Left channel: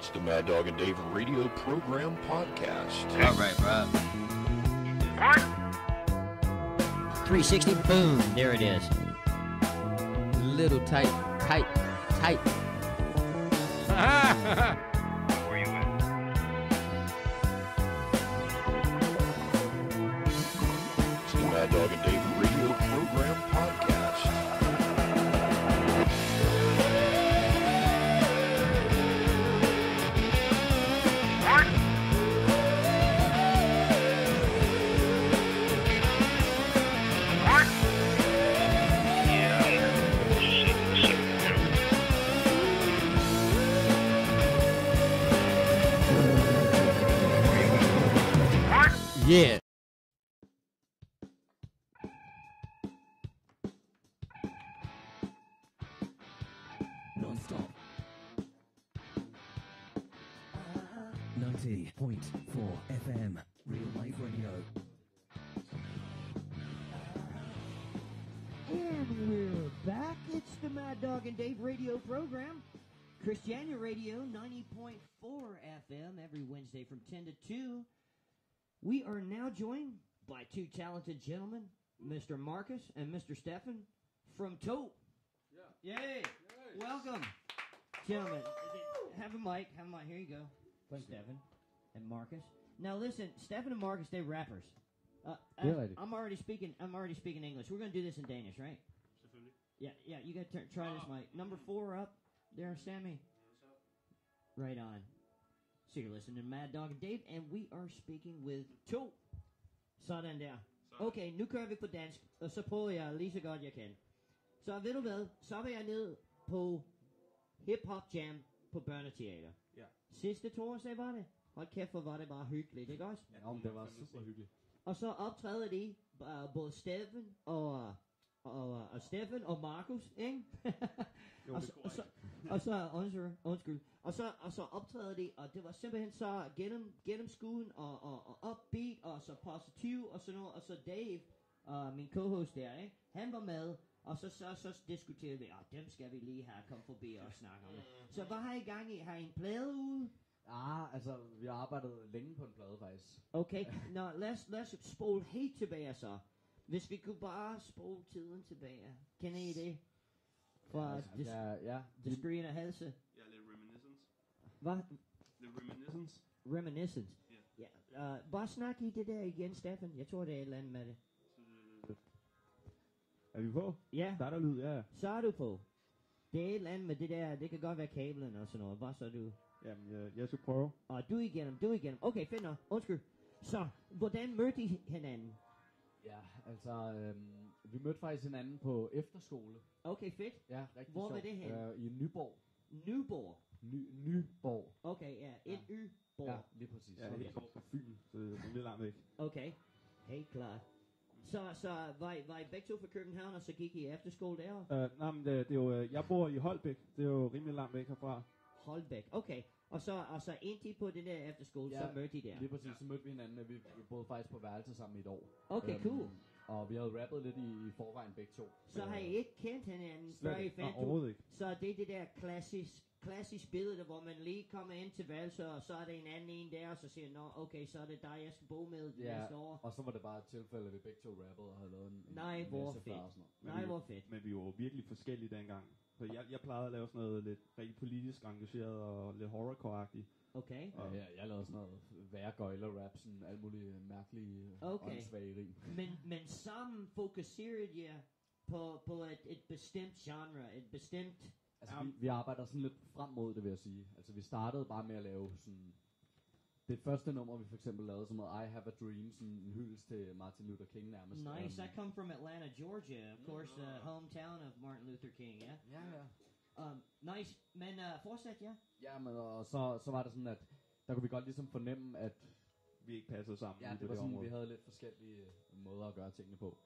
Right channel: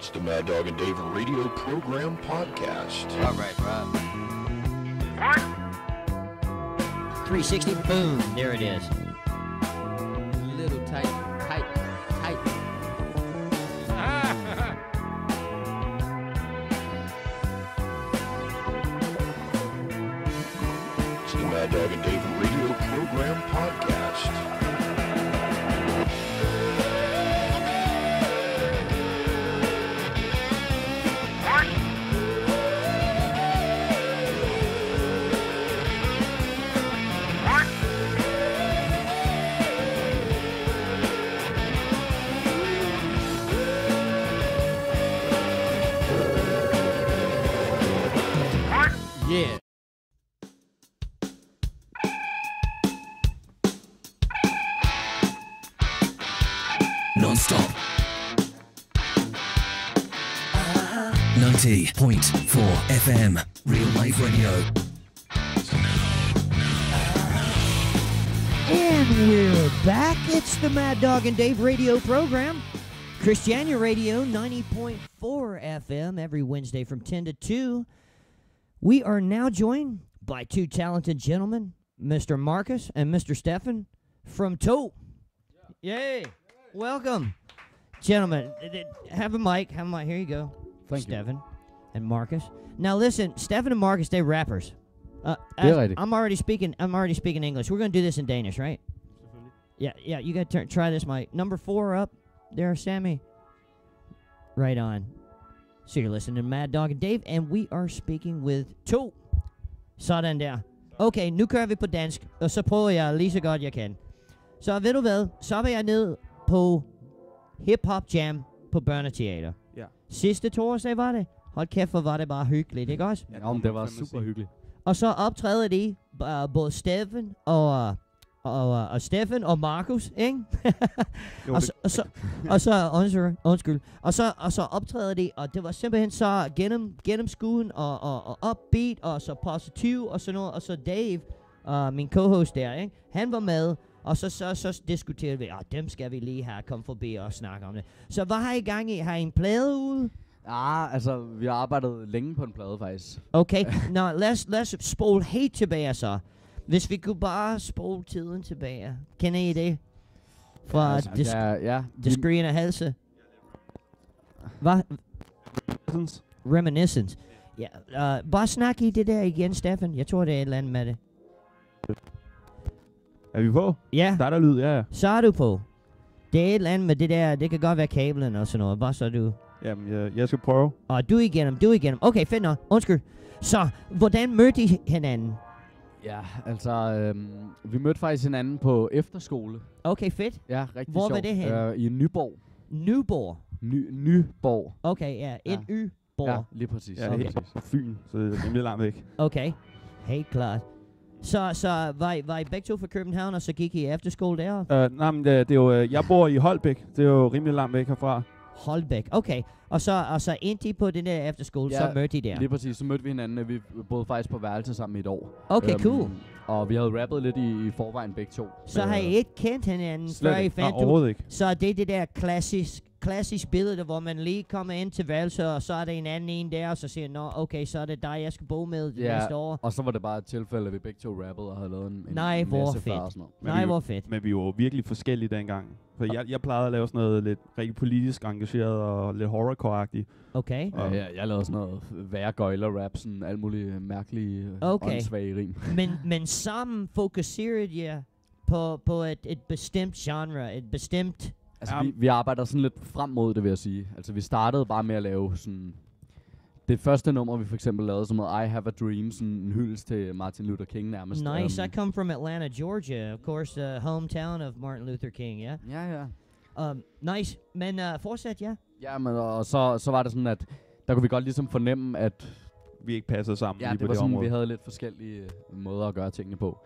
It's the Mad Dog and Dave Radio Program Podcast. All right, bro. What? 360, boom, there it is. Little tight. It's the Mad Dog and Dave Radio Program Podcast. Yeah. Non-stop. 90.4 FM. Real Life Radio. And we're back. It's the Mad Dog and Dave radio program. Christiania Radio, 90.4 FM, every Wednesday from 10 to 2. We are now joined by two talented gentlemen, Mr. Marcus and Mr. Stefan from Tote. Yay. Welcome. Gentlemen, have a mic. Here you go. Thank Stefan and Marcus. Now listen, Stefan and Marcus, they're rappers. rigtigt. I'm already speaking English. We're going to do this in Danish, right? Yeah, you got to try this mic. Number 4 up there, Sammy. Right on. So you're listening to Mad Dog and Dave, and we are speaking with To. Sådan der. Okay, nu kører vi på dansk, og så prøver jeg lige så godt jeg kan. Så ved du hvad, så var jeg ned på Hip Hop Jam på Børneteater. Ja. Sidste torsdag var det. Hold kæft, hvor var det bare hyggeligt, ikke også? Ja, men det var super hyggeligt. Og så optræder de både Stefan og Stefan og Markus, ikke? Og så optræder de, og det var simpelthen så gennemskuen og upbeat og så positiv og sådan noget. Og så Dave, min co-host der, ikke? Han var med, og så diskuterede vi, dem skal vi lige have komme forbi og snakke om det. Så hvad har I gang i? Har I en plade ude? Ja, altså, vi har arbejdet længe på en plade, faktisk. Okay, nå, lad os spole helt tilbage så. Hvis vi kunne bare spole tiden tilbage. Kender I det? Fra Discreet og Halse. Hvad? Reminiscence. Ja, bare snak i det der igen, Stefan. Jeg tror, det er et eller andet med det. Er vi på? Ja. Der er der lyd, ja. Så er du på. Det er et eller andet med det der. Det kan godt være kablen og sådan noget. Bare så du... Jamen, jeg skal prøve. Du igennem. Okay, fedt nok. Undskyld. Så, hvordan mødte I hinanden? Ja, altså, vi mødte faktisk hinanden på efterskole. Okay, fedt. Ja, rigtig Hvor sjovt. var det henne? I Nyborg. Nyborg? Nyborg. Okay, ja. N-Y-borg. Ja, lige præcis. Ja, okay. På Fyn, så det er rimelig langt væk. Okay, helt klart. Så var I begge to fra København, og så gik I efterskole der? Nej, men det er jo, jeg bor i Holbæk. Det er jo rimelig langt væk herfra. Holbæk, okay. Og så endte I på den der efterskole, så mødte I der? Lige præcis. Så mødte vi hinanden. Vi boede faktisk på værelse sammen i et år. Okay, cool. Og vi havde rappet lidt i forvejen begge to. Så har I ikke kendt hinanden, før I fandt overhovedet ikke. Så det er det der klassisk billede, hvor man lige kommer ind til værelse, og så er der en anden en der, og så siger nå, okay, så er det dig, jeg skal bo med næste år. Og så var det bare et tilfælde, at vi begge to rappede og havde lavet en Nej, hvor masse fedt. og sådan noget. Nej, hvor fedt. Men vi var jo virkelig forskellige dengang. For jeg plejede at lave sådan noget lidt rigtig politisk engageret og lidt horrorcore-agtigt. Okay. Ja, jeg lavede sådan noget værre gøjler-rap, sådan alt muligt mærkelige, åndssvage rim. men sammen fokuserede jeg på et bestemt genre, et bestemt... Altså, vi arbejder sådan lidt frem mod det, vil jeg sige. Altså, vi startede bare med at lave sådan... Det første nummer, vi for eksempel lavede, som hedder I Have a Dream, sådan en hyldest til Martin Luther King nærmest. Nice, I come from Atlanta, Georgia, of course, hometown of Martin Luther King, ja? Ja. Nice, men fortsæt, ja? Ja, men og så var det sådan, at der kunne vi godt ligesom fornemme, at... Vi ikke passede sammen Ja, lige det på var det sådan, område. vi havde lidt forskellige måder at gøre tingene på.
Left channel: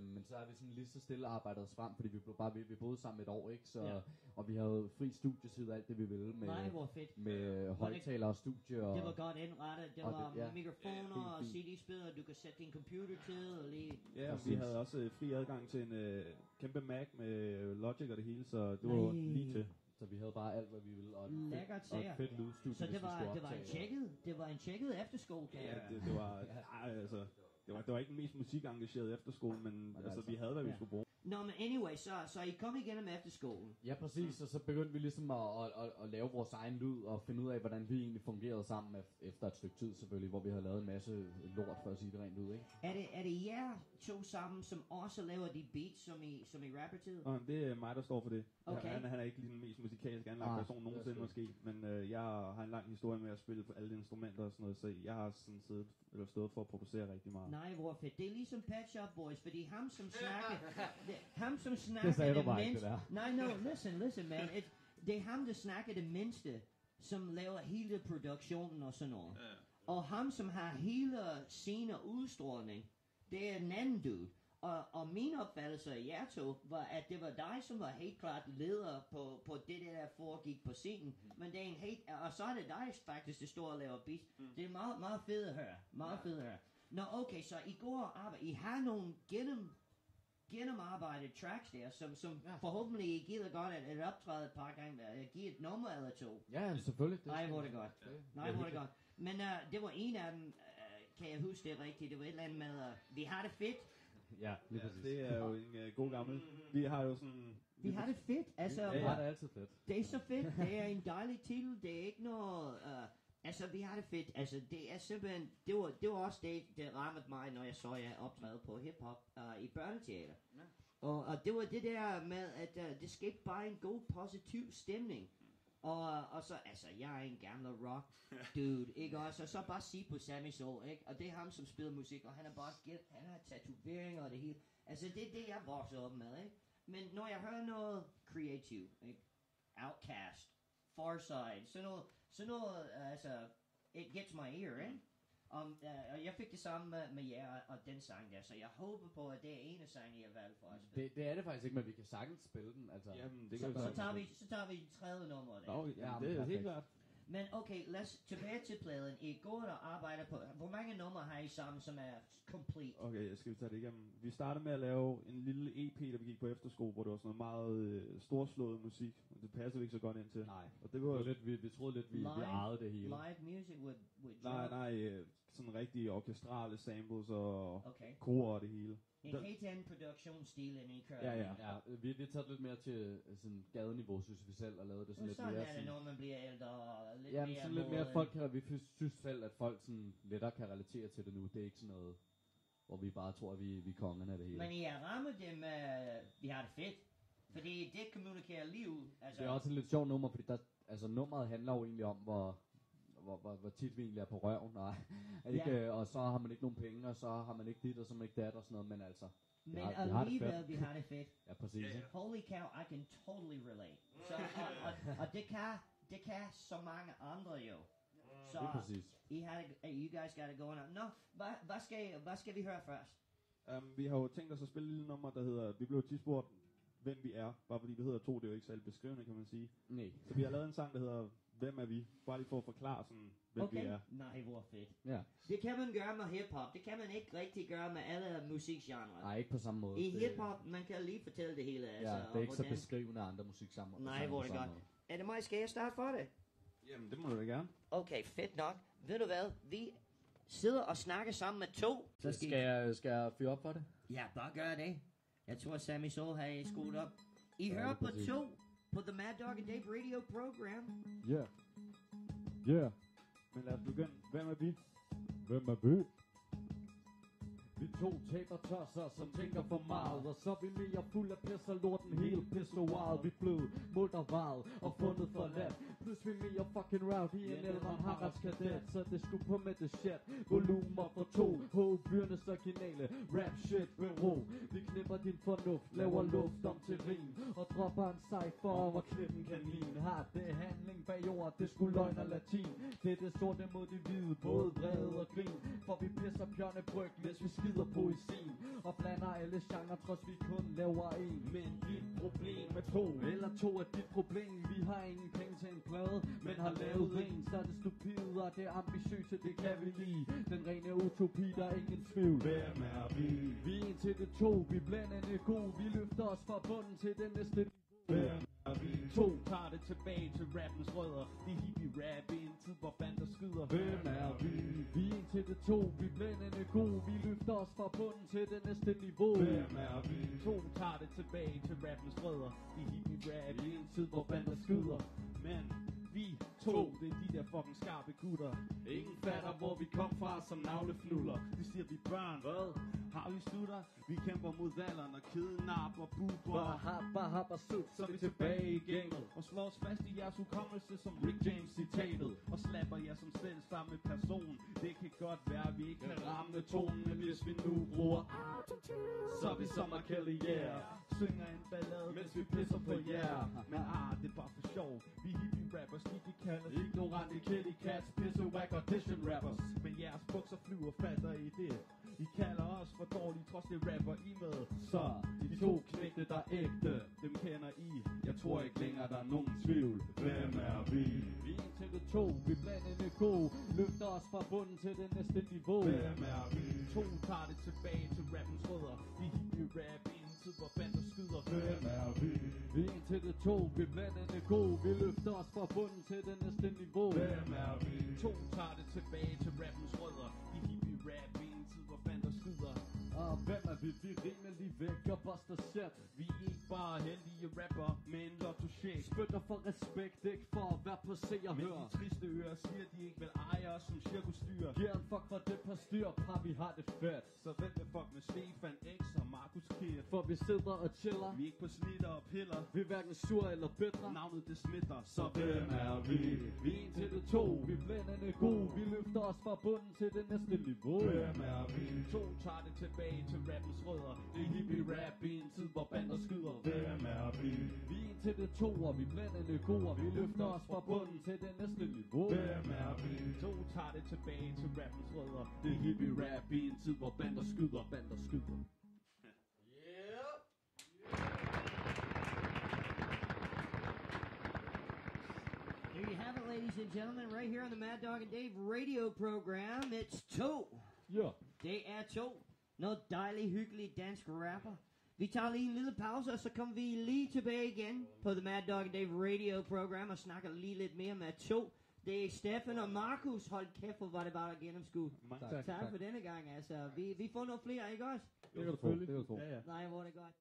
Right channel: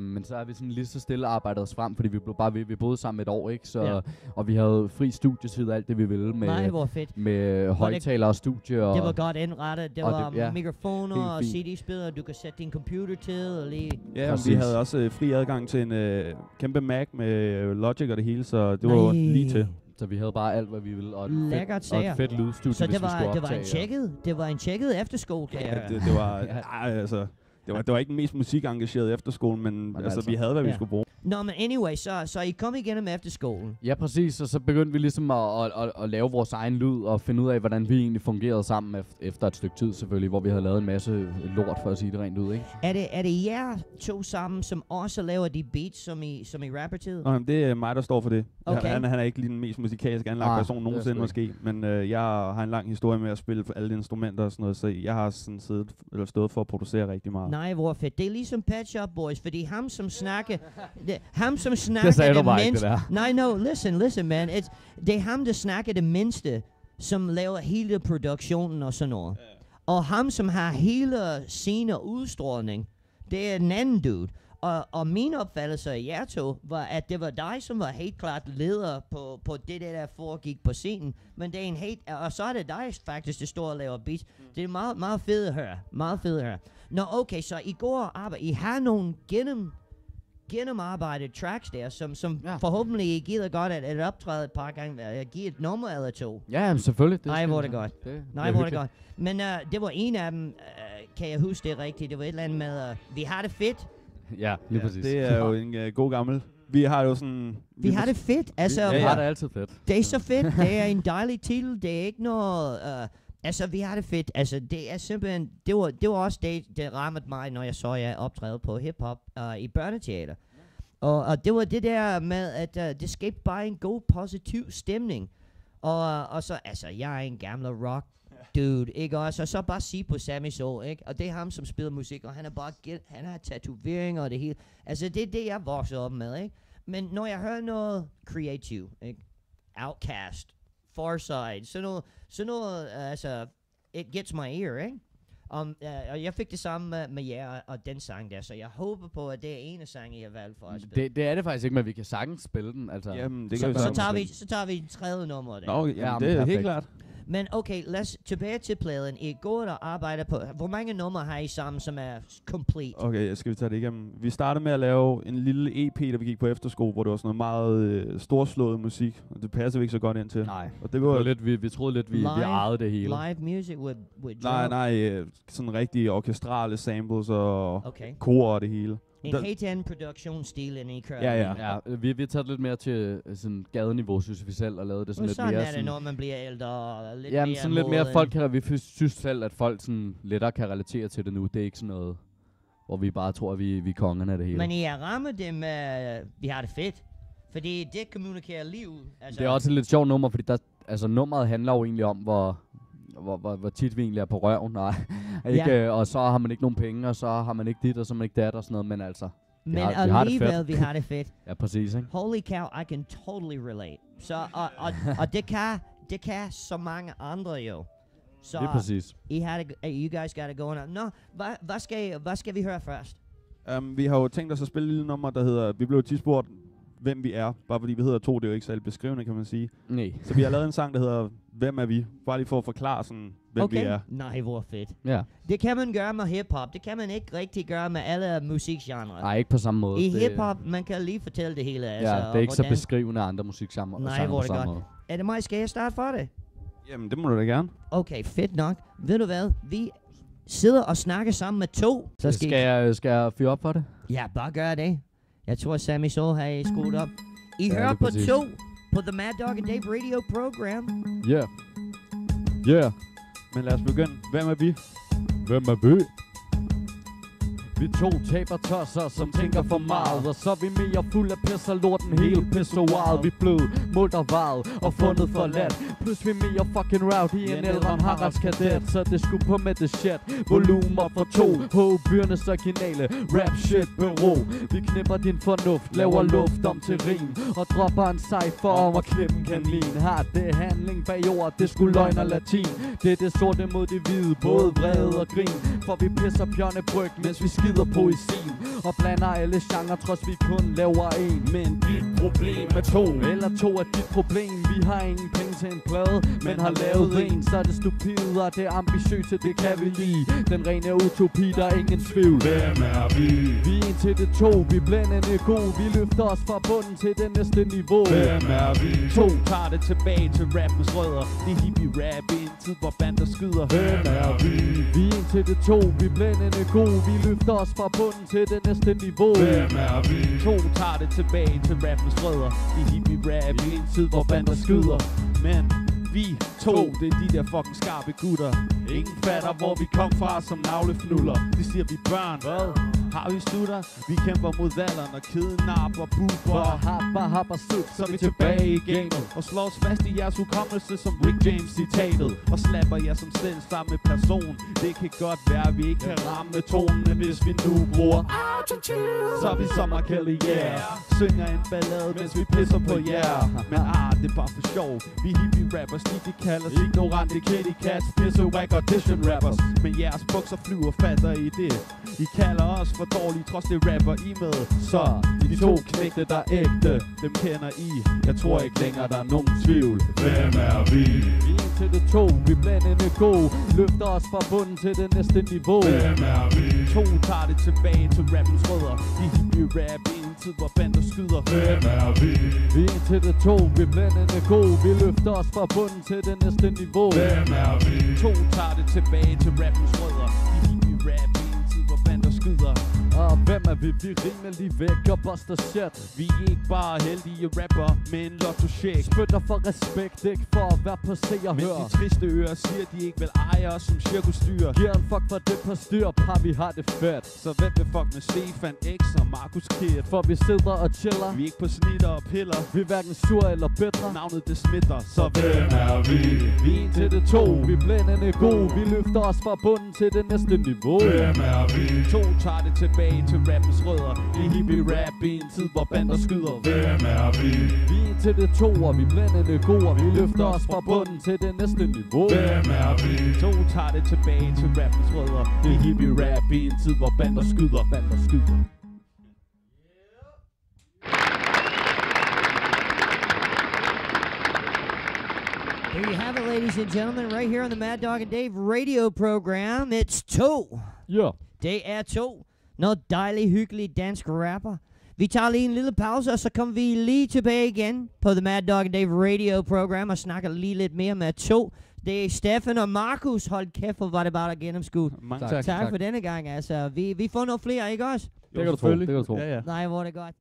Men så har vi sådan lige så stille arbejdet os frem, fordi vi blev bare ved. Vi boede sammen et år, ikke? Så, og vi havde fri studietid og alt det, vi ville med, Nej, hvor fedt. med højtalere og studie. Og det var godt indrettet. Det var mikrofoner og fint. CD-spillere, du kan sætte din computer til og lige... Ja, og vi havde også fri adgang til en kæmpe Mac med Logic og det hele, så det var lige til. Så vi havde bare alt, hvad vi ville, og et, Lækkert fedt, og sager. et fedt lydstudie, Så hvis det vi skulle var optage. det var en tjekket efterskole, kan jeg høre. Det var, altså, det var ikke den mest musikengageret efterskole, men altså, vi havde, hvad vi skulle bruge. Nå, men anyway, så I kom igennem efterskolen. Ja, præcis, og så begyndte vi ligesom at lave vores egen lyd, og finde ud af, hvordan vi egentlig fungerede sammen efter et stykke tid selvfølgelig, hvor vi havde lavet en masse lort, for at sige det rent ud, ikke? Er det jer to sammen, som også laver de beats, som I rapper til? Nå, det er mig, der står for det. Okay. Han er ikke lige den mest musikalsk anlagt person nogensinde måske, men jeg har en lang historie med at spille for alle instrumenter og sådan noget, så jeg har sådan stået for at producere rigtig meget. Nej, hvor fedt. Det er ligesom Pet Shop Boys, fordi ham som snakker Det sagde du bare ikke, det der. Nej, no, listen, man. Det er ham, der snakker det mindste, som laver hele produktionen og sådan noget. Og ham, som har hele scene og udstråling, det er den anden dude. Og min opfattelse af jer to var, at det var dig, som var helt klart leder på det der foregik på scenen. Men det er en helt, og så er det dig faktisk, der står og laver beats. Det er meget, meget fedt at høre. Meget fedt at høre. Nå, okay, så I går og arbejder. I har nogle gennemarbejdet tracks der, som forhåbentlig I gider godt at optræde et par gange, at give et nummer eller to. Ja, selvfølgelig. Nej, hvor er det godt. Nej, hvor er det hyggeligt. godt. Men det var en af dem, kan jeg huske det rigtigt, det var et eller andet med, vi har det fedt. Ja, lige præcis. Det er jo en god gammel. Vi har jo sådan... Vi har det fedt. Altså, Vi har det altid fedt. det er så fedt. Det er en dejlig titel. Det er ikke noget... altså, vi har det fedt. Altså, det er simpelthen... Det var også det, der rammede mig, når jeg så jer optræde på hiphop i børneteater. Og det var det der med, at det skabte bare en god, positiv stemning. Og så, altså, jeg er en gammel rock dude, ikke også? Og så bare sige på Sammy Soul, ikke? Og det er ham, som spiller musik, og han er bare han har tatoveringer og det hele. Altså, det er det, jeg voksede op med, ikke? Men når jeg hører noget creative, ikke? Outkast, Farside, sådan noget, altså, it gets my ear, ikke? Og jeg fik det samme med jer og den sang der, så jeg håber på, at det er en af sange, I har valgt for at spille. Det er det faktisk ikke, men vi kan sagtens spille den. Altså. Jamen, det kan vi Så tager vi en tredje nummer der. Nå, jamen, det er helt klart. Men okay, lad os tilbage til pladen. I går og arbejder på... Hvor mange numre har I sammen, som er complete? Okay, skal vi tage det igennem. Vi startede med at lave en lille EP, da vi gik på efterskole, hvor det var sådan noget meget storslået musik. Og det passer vi ikke så godt ind til. Nej, og det var lidt, vi troede lidt, vi ejede det hele. Live music with Nej, sådan rigtig orkestrale samples og okay. kor og det hele. En helt anden produktionsstil, end I kører. Ja, vi har taget lidt mere til sådan gadeniveau, synes vi selv, og lavet det sådan lidt mere... Sådan er det, når man bliver ældre og lidt mere... mere sådan lidt mere folk kan... Vi synes selv, at folk sådan lettere kan relatere til det nu. Det er ikke sådan noget, hvor vi bare tror, at vi er kongerne af det hele. Men I har rammet det med, vi har det fedt. Fordi det kommunikerer liv. Altså. Det er også et lidt sjovt nummer, fordi nummeret handler jo egentlig om, hvor tit vi egentlig er på røven, ikke, og så har man ikke nogen penge, og så har man ikke dit, og så har man ikke dat og sådan noget, men altså, men alligevel, vi har det fedt. Ja, præcis, ikke? Holy cow, I can totally relate. Så, og det kan så mange andre jo. Så det er præcis. You guys got it going on. Nå, hvad skal vi høre først? Vi har jo tænkt os at spille et lille nummer, der hedder, vi blev tit spurgt, hvem vi er. Bare fordi vi hedder to, det er jo ikke særlig beskrivende, kan man sige. Nej. Så vi har lavet en sang, der hedder, hvem er vi? Bare lige for at forklare sådan, hvem vi er. Nej, hvor fedt. Ja. Det kan man gøre med hiphop. Det kan man ikke rigtig gøre med alle musikgenrer. Nej, ikke på samme måde. I hiphop, man kan lige fortælle det hele. Altså, ja, det er ikke så beskrivende andre musikgenrer. Nej, hvor er det godt. Er det mig? Skal jeg starte for det? Jamen, det må du da gerne. Okay, fedt nok. Ved du hvad? Vi sidder og snakker sammen med to. Så skal jeg fyre op for det? Ja, bare gør det. Jeg tror, Sammy Soul har skudt op. I hører på to på The Mad Dog and Dave Radio Program. Yeah. Men lad os begynde. Hvem er vi? Hvem er vi? Vi to taber tosser, som tænker for meget. Og så er vi mere fuld af pis og lorten, hele pissoaret. Vi blev målt og varet og fundet for let. Plus vi mere fucking rowdy end ældre Haralds kadet. Så det skulle på med det shit. Volumer for to. Byernes originale rap shit bureau. Vi knipper din fornuft, laver luft om til rim. Og dropper en cypher om at klippe en kanin. Har det handling bag ord, det skulle løgn og latin. Det er det sorte mod det hvide, både vrede og grin. For vi pisser bjørnebryg, mens vi skider poesien. Og blander alle genre, trods vi kun laver en. Men dit problem er to. Eller to er dit problem. Vi har ingen penge til en plade, men har lavet en. Så er det stupide og det ambitiøse, det kan vi lide. Den rene utopi, der er ingen tvivl. Hvem er vi? Vi er en til det to, vi er blændende gode. Vi løfter os fra bunden til det næste niveau. Hvem er vi? To tager det tilbage til rappens rødder. Det er hippie rap i en tid, hvor bander skyder. Hvem er vi? Vi er en til det to, vi er blændende gode. Vi løfter os fra bunden til det næste niveau. Hvem er vi? To tager det tilbage til rappens rødder. Det er hippie rap i en tid, hvor bander skyder. Men vi to, det er de der fucking skarpe gutter. Ingen fatter, hvor vi kom fra som navlefnuller. De siger, vi børn. Hvad? Har vi slutter? Vi kæmper mod alderen og kidnapper, buber. Happer, Så er vi tilbage i gamet og slår os fast i jeres hukommelse som Rick James citatet. Og slapper jer som selv samme person. Det kan godt være, at vi ikke kan ramme tonen, hvis vi nu bruger autotune. Så er vi som R. Kelly, yeah. Synger en ballade, mens vi pisser på jer. Men det er bare for sjov. Vi hippie rappers, de kalder sig ignorante kitty cats, pisse whack audition rappers. Men jeres bukser flyver, fatter I det? I kalder os for dårlige, trods det rapper I med. Så de to knægte, der er ægte, dem kender I. Jeg tror ikke længere, der er nogen tvivl. Hvem er vi? Vi er en til det to, vi er blændende gode. Løfter os fra bunden til det næste niveau. Hvem er vi? To tager det tilbage til rappens rødder. De hippie rap i en tid, hvor bander skyder. Hvem er vi? Vi er en til det to, vi er blændende gode. Vi løfter os fra bunden til det næste niveau. Hvem er vi? To tager det tilbage til rappens rødder. De hippie rap i en tid, hvor bander skyder. Og hvem er vi? Vi er rimelig væk og buster shit. Vi er ikke bare heldige rapper med en lotto-check. Spytter for respekt, ikke for at være på se og Men hør. de triste ører siger, de ikke vil eje os som cirkusdyr. Giver en fuck for det på styr, par vi har det fedt. Så hvem vil fuck med Stefan X og Markus Kid? For vi sidder og chiller. Vi er ikke på snitter og piller. Vi er hverken sur eller bitre. Navnet det smitter, så Hvem er vi? Vi er en til det to, vi er blændende gode. Vi løfter os fra bunden til det næste niveau. Hvem er vi? To tager det tilbage til rappens rødder. Det er hippie rap i en tid, hvor bander skyder. Hvem er vi? Vi er en til det to, og vi er blændende gode. Vi løfter os fra bunden til det næste niveau. Hvem er vi? To tager det tilbage til rappens rødder. Det er hippie rap i en tid, hvor bander skyder. Bander skyder. There you have it, ladies and gentlemen, right here on the Mad Dog and Dave radio program. It's to. Ja. Det er to. Noget dejligt, hyggeligt dansk rapper. Vi tager lige en lille pause, og så kommer vi lige tilbage igen på The Mad Dog and Dave radio program og snakker lige lidt mere med to. Det er Stefan og Markus. Hold kæft, hvor var det bare at gennemskudt. Mange tak. Tak for denne gang, altså. Vi får noget flere, ikke også? Det kan du tro. Det kan du tro. Ja, ja. Nej, hvor er det godt.